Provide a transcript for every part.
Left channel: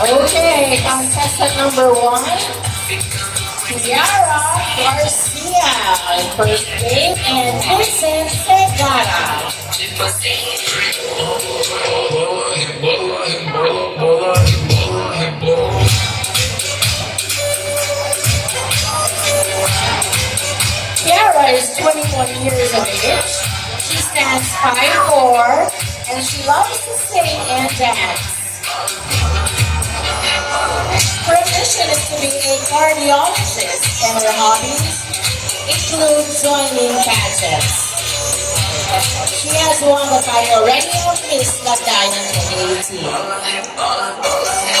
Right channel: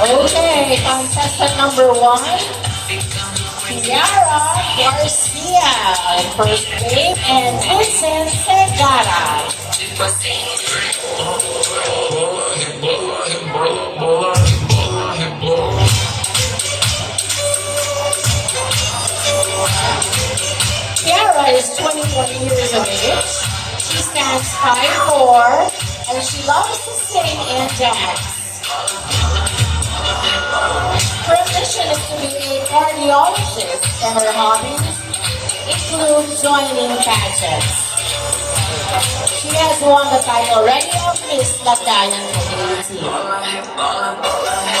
Okay, contestant number one, Tiara Garcia in first place, and Vincent Segara. Tiara is 21 years of age. She stands 5'4", and she loves to sing and dance. Her ambition is to be a cardiologist, and her hobbies include joining pageants. She has won the title already of Miss Latayan 2018.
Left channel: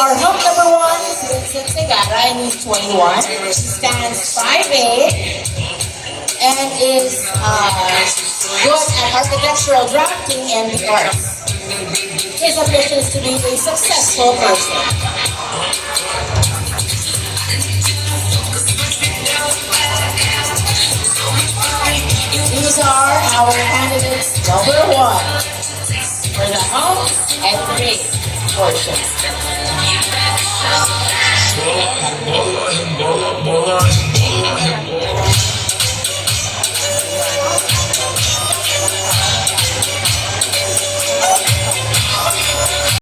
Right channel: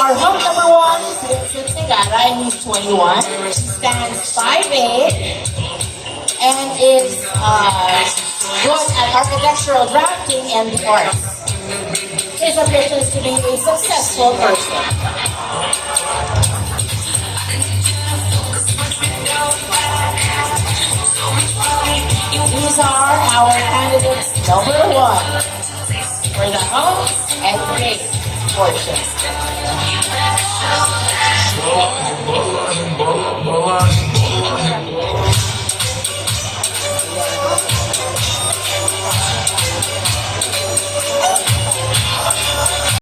Our hook number one is Vincent Segara, and he's 21. She stands 5'8", and is good at architectural drafting and art. His ambition is to be a successful person. These are our candidates number one for the hump and grade portion.